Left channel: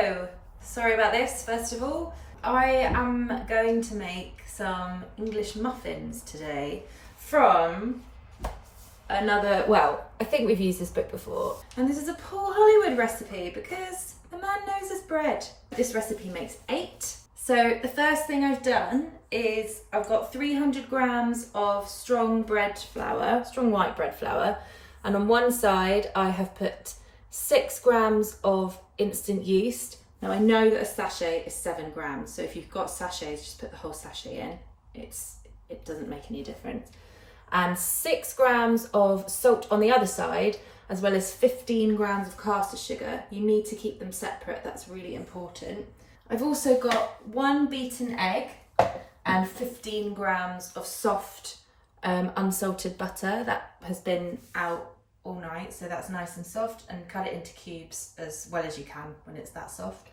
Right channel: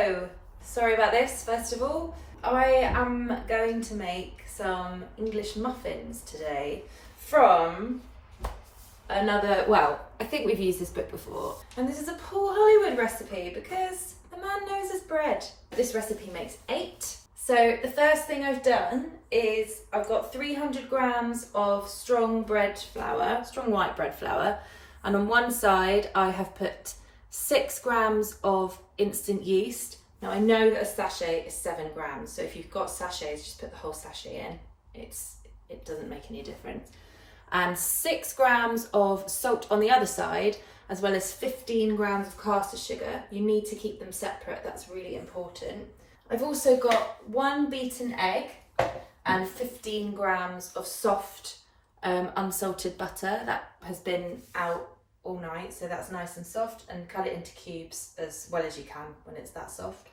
Hello! Sorry about this, first of all. I am going to make some English muffins today from another, well, I think we've used this book before. And this is a Paul Hollywood recipe because the man knows his bread. This recipe makes 8. So the first thing I've done is I've got 300 grams of strong bread flour, strong white bread flour. And on one side, I have put 6 grams of instant yeast. Now I know that a sachet is 7 grams, so if you've got sachets, just put the whole sachet in. It doesn't make any difference. And 6 grams of salt on the other side, as well as 15 grams of caster sugar. You need to keep them separate, that's really important. I've also got 1 beaten egg and 15 grams of soft unsalted butter that has been out all night, so that's nice and soft, and cut it into cubes as well as you can when it's that soft.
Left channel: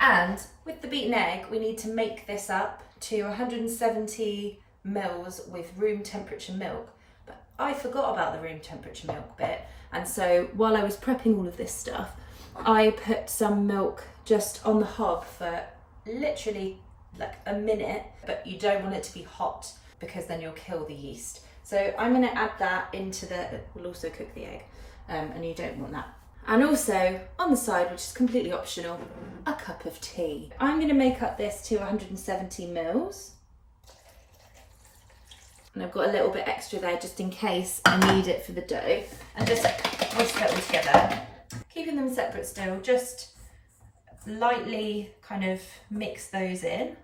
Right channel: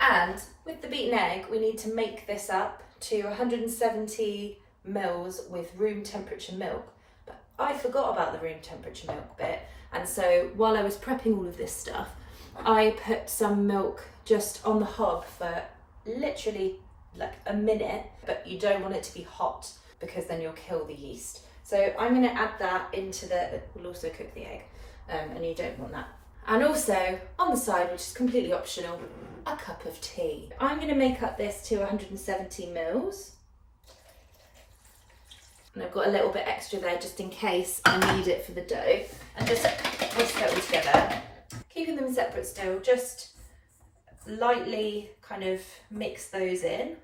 And with the beaten egg, we need to make this up to 170 mils with room temperature milk. But I forgot about the room temperature milk bit, and so while I was prepping all of this stuff, I put some milk just on the hob for literally like a minute, but you don't want it to be hot because then you'll kill the yeast. So I'm going to add that into we'll also cook the egg, and you don't want that. And also on the side, which is completely optional, a cup of tea. I'm going to make up this to 170 mils. And I've got a little bit extra there just in case I need it for the dough. And just whisk it all together. Keeping them separate still, just lightly kind of mix those in.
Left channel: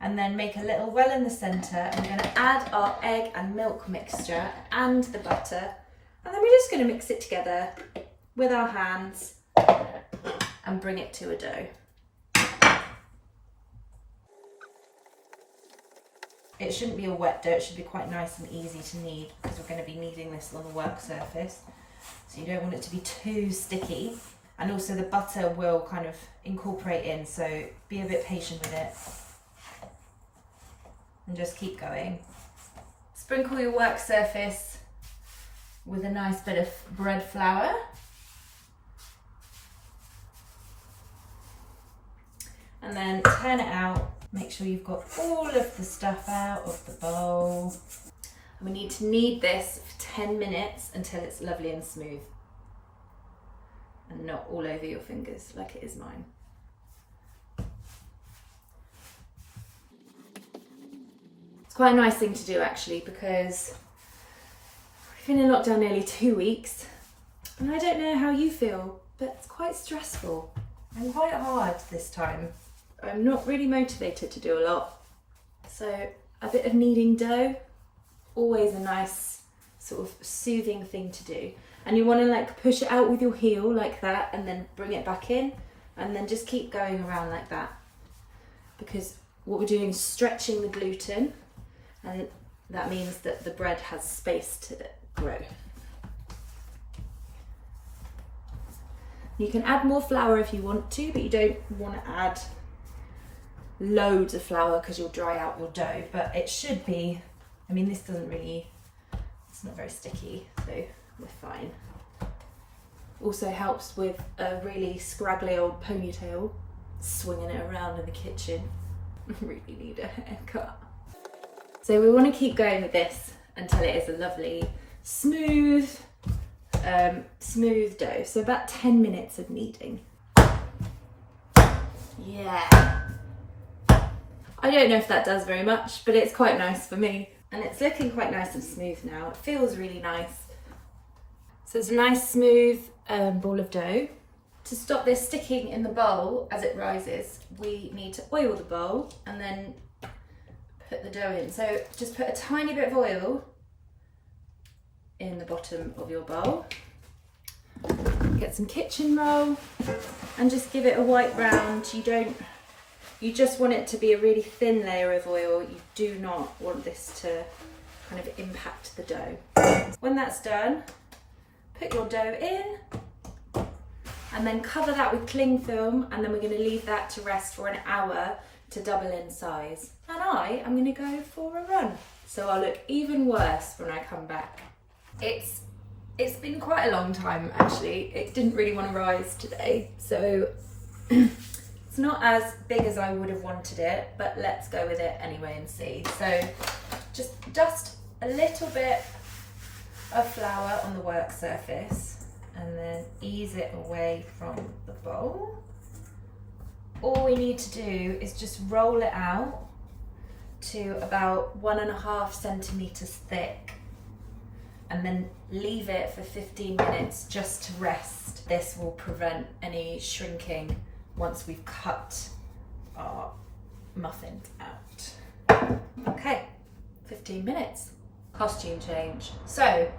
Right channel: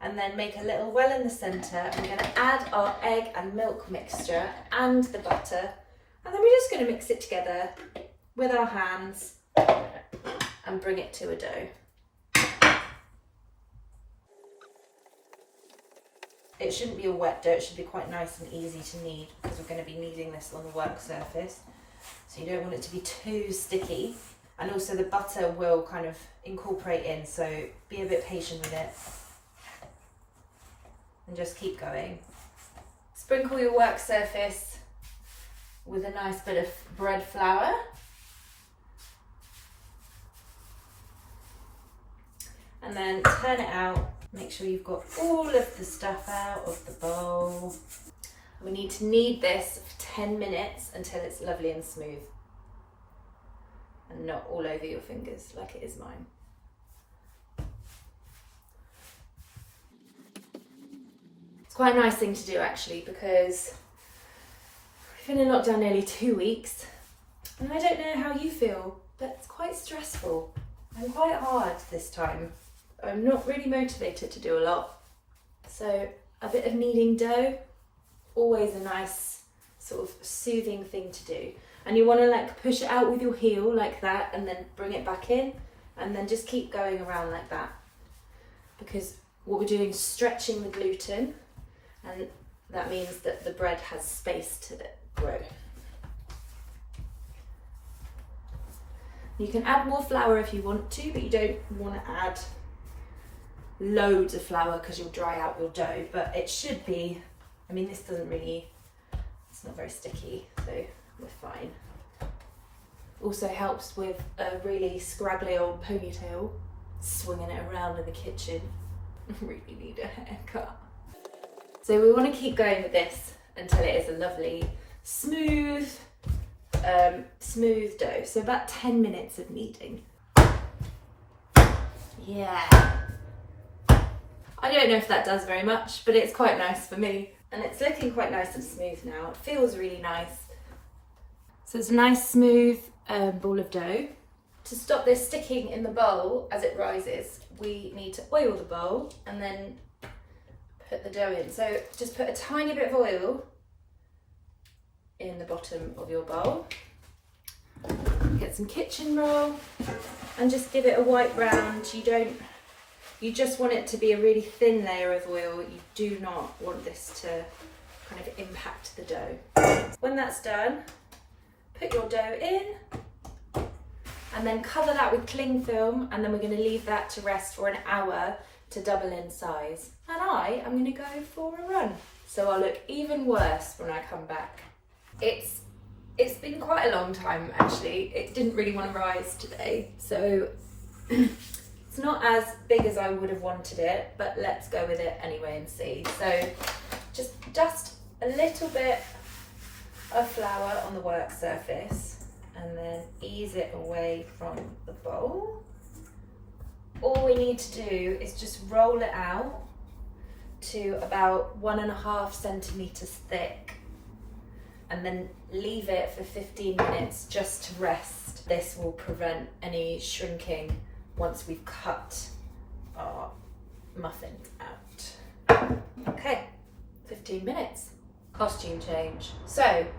And then make a little well in the centre. And we're going to add our egg and milk mixture and the butter. And then we're just going to mix it together with our hands and bring it to a dough. It shouldn't be a wet dough, it should be quite nice and easy to knead because we're going to be kneading this on the work surface. So you don't want it to be too sticky. And also the butter will kind of incorporate in, so be a bit patient with it. And just keep going. Sprinkle your work surface with a nice bit of bread flour. And then turn it out. Make sure you've got all of the stuff out of the bowl. We need to knead this for 10 minutes until it's lovely and smooth. And not all over your fingers like it is mine. It's quite a nice thing to do actually, because we've been in lockdown nearly 2 weeks. And I don't know how you feel, but it's quite stressful and quite hard this time. I'm not really motivated to do a lot. So a bit of kneading dough, always a nice sort of soothing thing to do. And you want to like push it out with your heel like that and then bring it back in and then just keep going around like that. Because what we're doing is stretching the gluten, and that means that the bread has space to grow. You can add more flour if you want to, but you don't want to add loads of flour because you'll dry out your dough, but it should be, I mean this doesn't really, it's not very sticky, so we're fine. Also helps with a really scraggly old ponytail, swinging it around in the kitchen. Really need a haircut. So we want to keep going with this until it is a lovely smooth dough. So about 10 minutes of kneading. Yeah. I don't know if that does very much, but it's quite nice for me. And it's looking quite nice and smooth now. It feels really nice. So it's a nice smooth ball of dough. To stop this sticking in the bowl as it rises, we need to oil the bowl and then put the dough in. So just put a tiny bit of oil in the bottom of your bowl. Get some kitchen roll and just give it a white round. You just want it to be a really thin layer of oil. You do not want this to kind of impact the dough. When that's done, put your dough in and then cover that with cling film, and then we're going to leave that to rest for an hour to double in size. And I am going to go for a run, so I'll look even worse when I come back. It's been quite a long time actually. It didn't really want to rise today, so It's not as big as I would have wanted it, but let's go with it anyway and see. So just dust a little bit of flour on the work surface and then ease it away from the bowl. All we need to do is just roll it out to about 1.5 centimeters thick and then leave it for 15 minutes just to rest. This will prevent any shrinking once we've cut our muffins out. Okay, 15 minutes. Costume change. So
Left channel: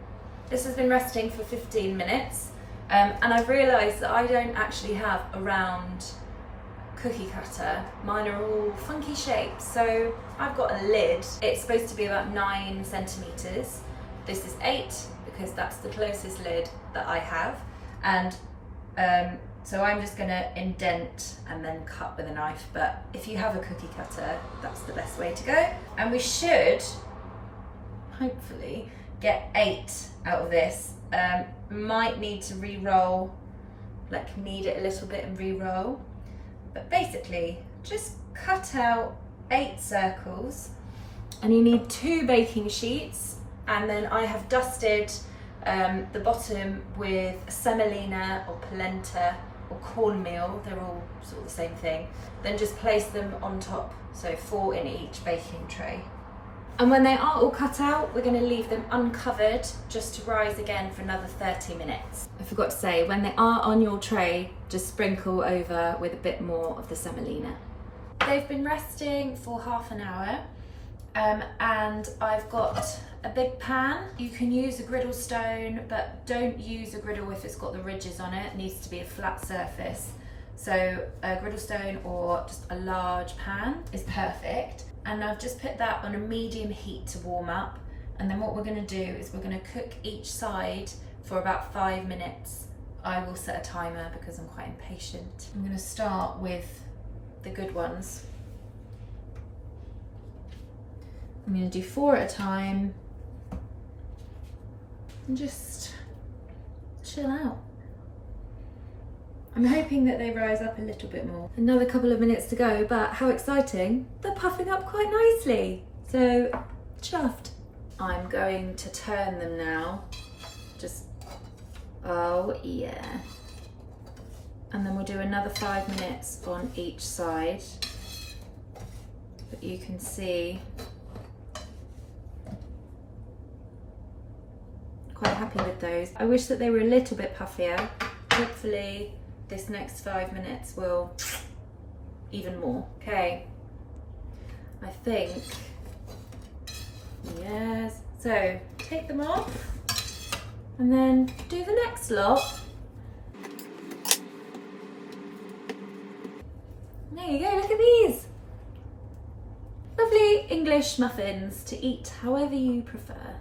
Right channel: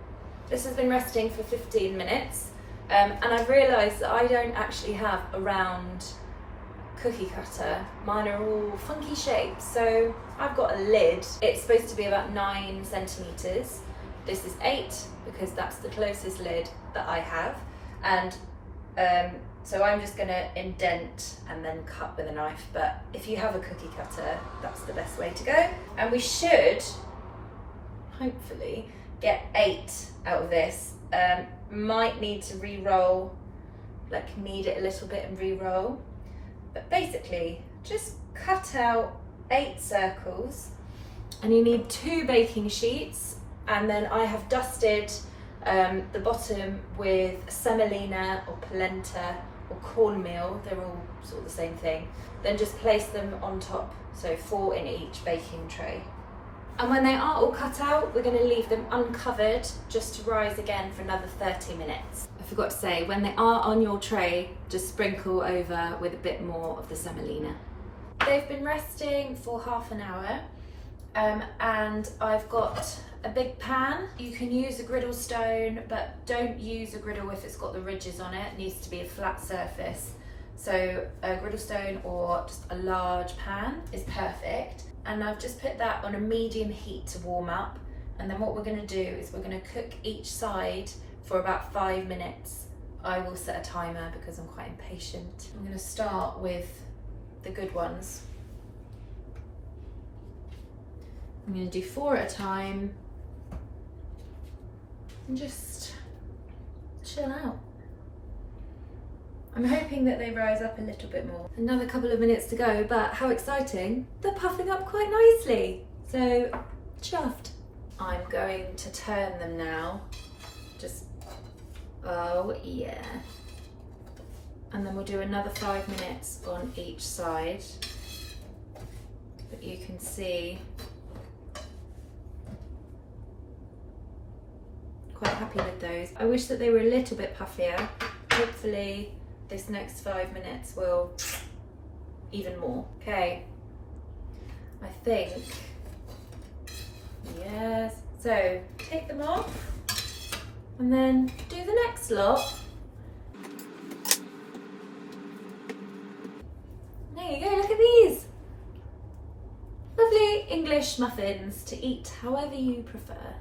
this has been resting for 15 minutes and I've realised that I don't actually have a round cookie cutter. Mine are all funky shapes. So I've got a lid. It's supposed to be about 9 centimetres. This is 8 because that's the closest lid that I have. And so I'm just gonna indent and then cut with a knife. But if you have a cookie cutter, that's the best way to go. And we should hopefully get 8 out of this. Might need to re-roll, like knead it a little bit and re-roll. But basically, just cut out 8 circles and you need 2 baking sheets, and then I have dusted the bottom with semolina or polenta or cornmeal, they're all sort of the same thing. Then just place them on top, so 4 in each baking tray. And when they are all cut out, we're going to leave them uncovered just to rise again for another 30 minutes. I forgot to say, when they are on your tray, just sprinkle over with a bit more of the semolina. They've been resting for half an hour and I've got a big pan. You can use a griddle stone, but don't use a griddle if it's got the ridges on it. It needs to be a flat surface. So a griddle stone or just a large pan is perfect. And I've just put that on a medium heat to warm up. And then what we're going to do is we're going to cook each side for about 5 minutes. I will set a timer because I'm quite impatient. I'm going to start with the good ones. I'm going to do 4 at a time and just chill out. I'm hoping that they rise up a little bit more. Another couple of minutes to go, but how exciting. They're puffing up quite nicely. So, chuffed. I'm going to turn them now. Just, oh yeah. And then we'll do another 5 minutes on each side. But you can see, quite happy with those. I wish that they were a little bit puffier. Hopefully, this next 5 minutes will even more. Okay, I think, yes. So take them off and then do the next lot. There you go, look at these. Lovely English muffins to eat however you prefer.